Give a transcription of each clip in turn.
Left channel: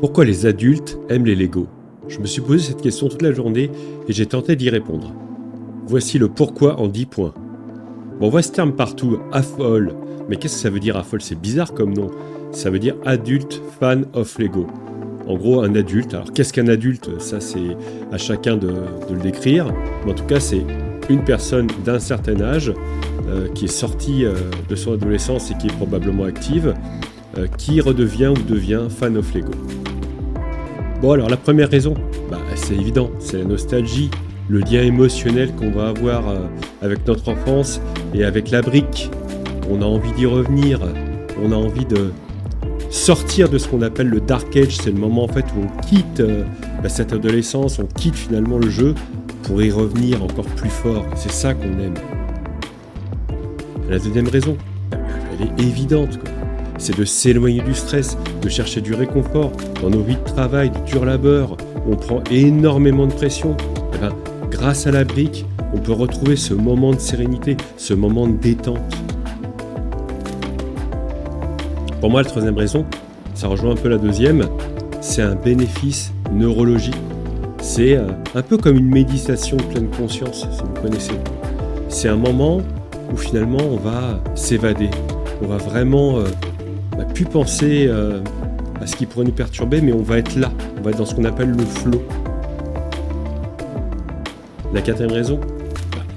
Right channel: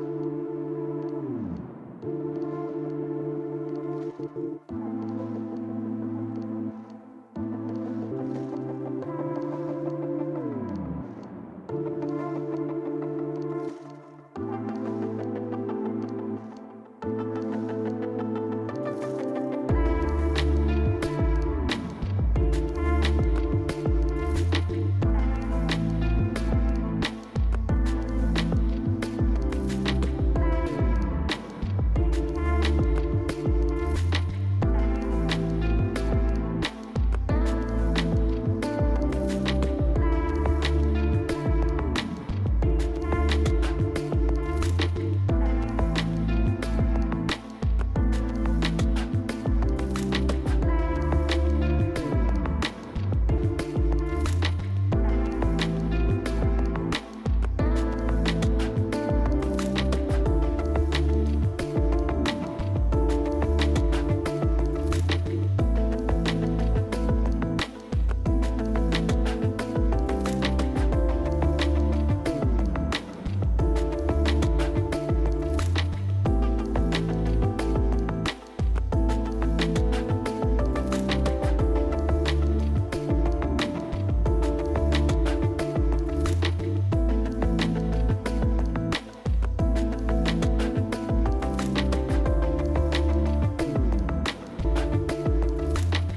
Pourquoi les adultes aiment les Lego? Je me suis posé cette question toute la journée et j'ai tenté d'y répondre. Voici le pourquoi en 10 points. Bon, on voit ce terme partout, AFOL. Mais qu'est-ce que ça veut dire AFOL? C'est bizarre comme nom. Ça veut dire Adult Fan of Lego. En gros, un adulte. Alors, qu'est-ce qu'un adulte? Ça, c'est à chacun de le décrire. Mais en tout cas, c'est une personne d'un certain âge qui est sortie de son adolescence et qui est probablement active, qui redevient ou devient fan of Lego. Bon, alors la première raison, c'est évident, c'est la nostalgie, le lien émotionnel qu'on va avoir avec notre enfance et avec la brique. On a envie d'y revenir, on a envie de sortir de ce qu'on appelle le Dark Age. C'est le moment en fait où on quitte cette adolescence, on quitte finalement le jeu pour y revenir encore plus fort. C'est ça qu'on aime. La deuxième raison, elle est évidente, c'est de s'éloigner du stress, de chercher du réconfort. Dans nos vies de travail, de dur labeur, on prend énormément de pression. Grâce à la brique, on peut retrouver ce moment de sérénité, ce moment de détente. Pour moi, la troisième raison, ça rejoint un peu la deuxième, c'est un bénéfice neurologique. C'est un peu comme une méditation de pleine conscience, si vous connaissez. C'est un moment où finalement on va s'évader, on va vraiment plus penser à ce qui pourrait nous perturber, mais on va être là, on va être dans ce qu'on appelle le flow. La quatrième raison,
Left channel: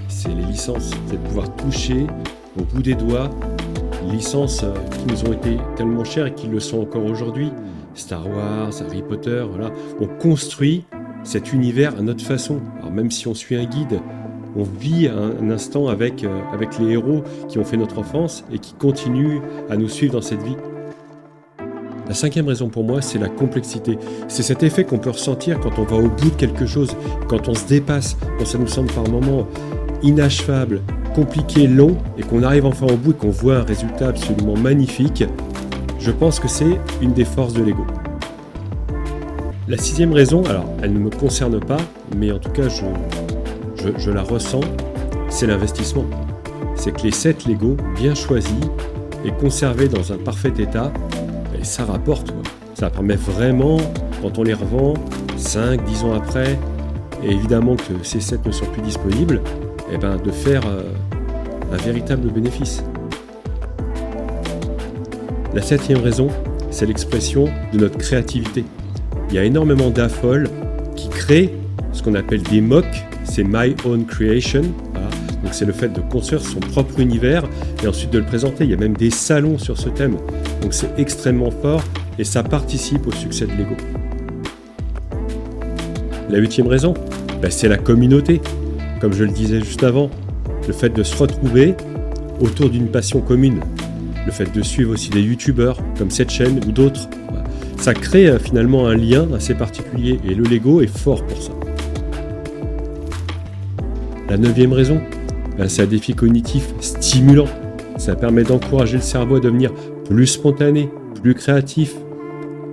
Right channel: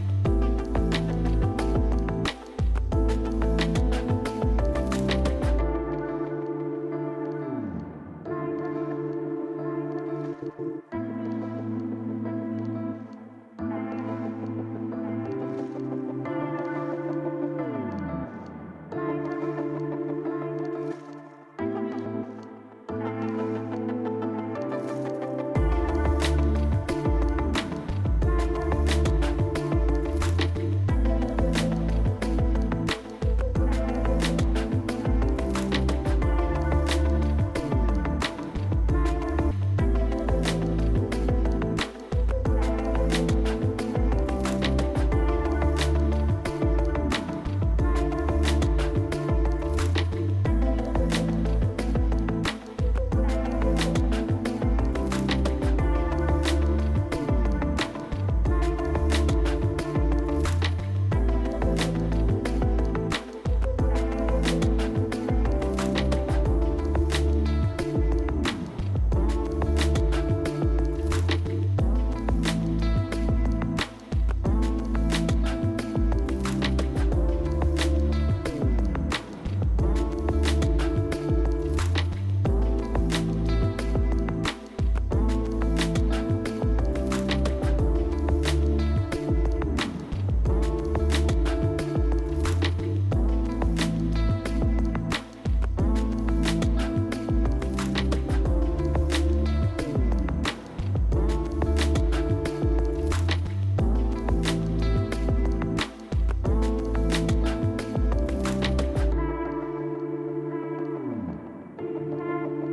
c'est les licences, c'est de pouvoir toucher au bout des doigts les licences qui nous ont été tellement chères et qui le sont encore aujourd'hui. Star Wars, Harry Potter, voilà. On construit cet univers à notre façon. Alors même si on suit un guide, on vit un instant avec les héros qui ont fait notre enfance et qui continuent à nous suivre dans cette vie. La cinquième raison pour moi, c'est la complexité. C'est cet effet qu'on peut ressentir quand on va au bout de quelque chose, quand on se dépasse, quand ça nous semble par moments inachevable, compliqué, long, et qu'on arrive enfin au bout et qu'on voit un résultat absolument magnifique. Je pense que c'est une des forces de Lego. La sixième raison, alors elle ne me concerne pas, mais en tout cas je la ressens, c'est l'investissement. C'est que les sets Lego bien choisis et conservés dans un parfait état, et ça rapporte. Ça permet vraiment, quand on les revend 5, 10 ans après, et évidemment que ces sets ne sont plus disponibles, de faire un véritable bénéfice. La septième raison, c'est l'expression de notre créativité. Il y a énormément d'AFOL qui créent ce qu'on appelle des MOC, c'est My Own Creation. Voilà. Donc c'est le fait de construire son propre univers et ensuite de le présenter. Il y a même des salons sur ce thème. Donc c'est extrêmement fort et ça participe au succès de Lego. La huitième raison, c'est la communauté. Comme je le disais juste avant, le fait de se retrouver autour d'une passion commune, le fait de suivre aussi des youtubeurs comme cette chaîne ou d'autres, ça crée finalement un lien assez particulier et le Lego est fort pour ça. La neuvième raison, c'est un défi cognitif stimulant. Ça permet d'encourager le cerveau à devenir plus spontané, plus créatif,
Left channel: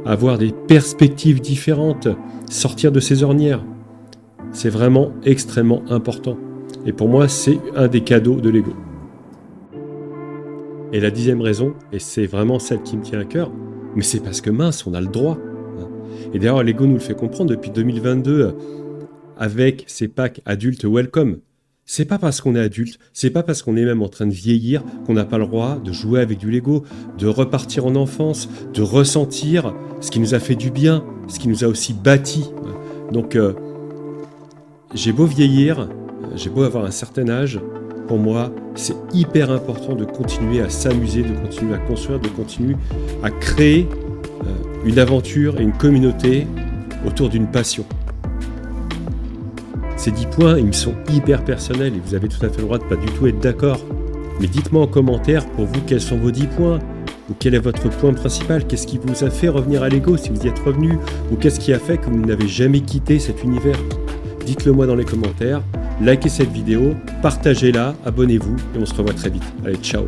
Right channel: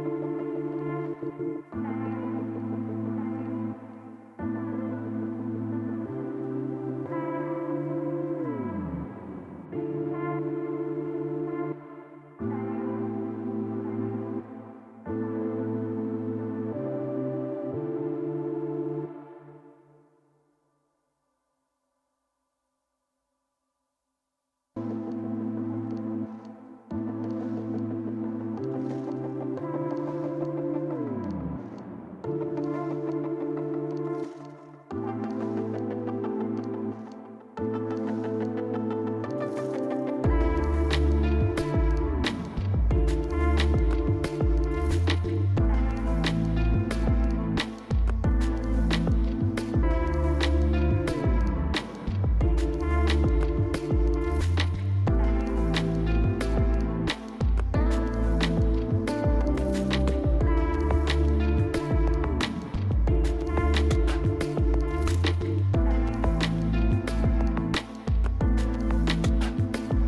avoir des perspectives différentes, sortir de ses ornières. C'est vraiment extrêmement important. Et pour moi, c'est un des cadeaux de Lego. Et la dixième raison, et c'est vraiment celle qui me tient à cœur, mais c'est parce que mince, on a le droit. Et d'ailleurs, Lego nous le fait comprendre depuis 2022 avec ses packs adultes welcome. C'est pas parce qu'on est adulte, c'est pas parce qu'on est même en train de vieillir qu'on n'a pas le droit de jouer avec du Lego, de repartir en enfance, de ressentir ce qui nous a fait du bien, ce qui nous a aussi bâti. Donc, j'ai beau vieillir, j'ai beau avoir un certain âge, pour moi, c'est hyper important de continuer à s'amuser, de continuer à construire, de continuer à créer une aventure et une communauté autour d'une passion. Ces 10 points, ils me sont hyper personnels et vous avez tout à fait le droit de pas du tout être d'accord. Mais dites-moi en commentaire pour vous quels sont vos 10 points ou quel est votre point principal. Qu'est-ce qui vous a fait revenir à Lego si vous y êtes revenu ou qu'est-ce qui a fait que vous n'avez jamais quitté cet univers. Dites-le moi dans les commentaires, likez cette vidéo, partagez-la, abonnez-vous et on se revoit très vite. Allez, ciao!